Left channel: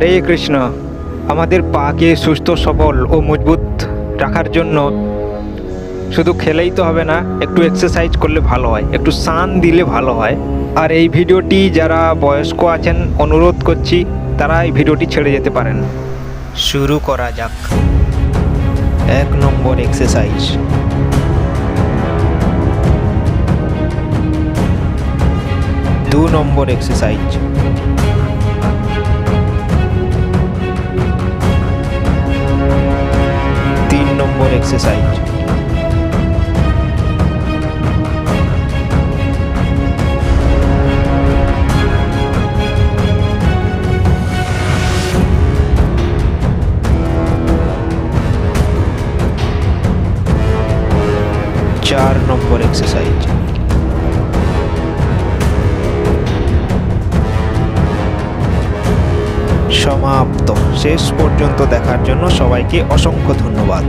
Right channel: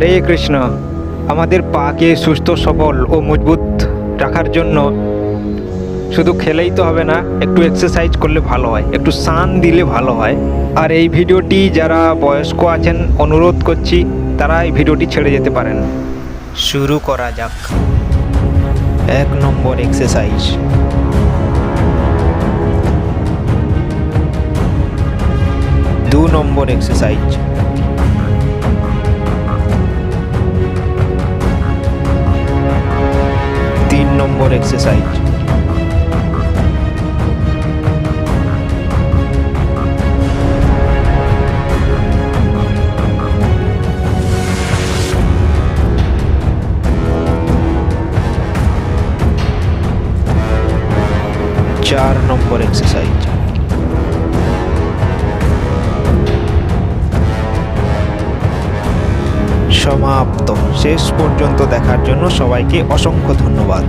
হরে কৃষ্ণ। আমাদের পাকে সুস্থ সবল ও মজবুত রাখার জন্য শুধু খেলেই তো হবে না, একটু এক্সারসাইজ করলে ভালো হয়, একটু স্নান দিলে ভালো হয়। আর এই ভিডিওটি যারা বয়স্ক আছেন অনুরোধ করছি তারা এই ভিডিওটি ছেড়ে যেতে পারেন। শুরু করা যাক। 1 নম্বর এক্সারসাইজ। দু নম্বর এক্সারসাইজ। 3 নম্বর এক্সারসাইজ। 4 নম্বর এক্সারসাইজ। সমাপ্ত। শেষ পর্যন্ত দেখার জন্য সবাইকে অসংখ্য ধন্যবাদ।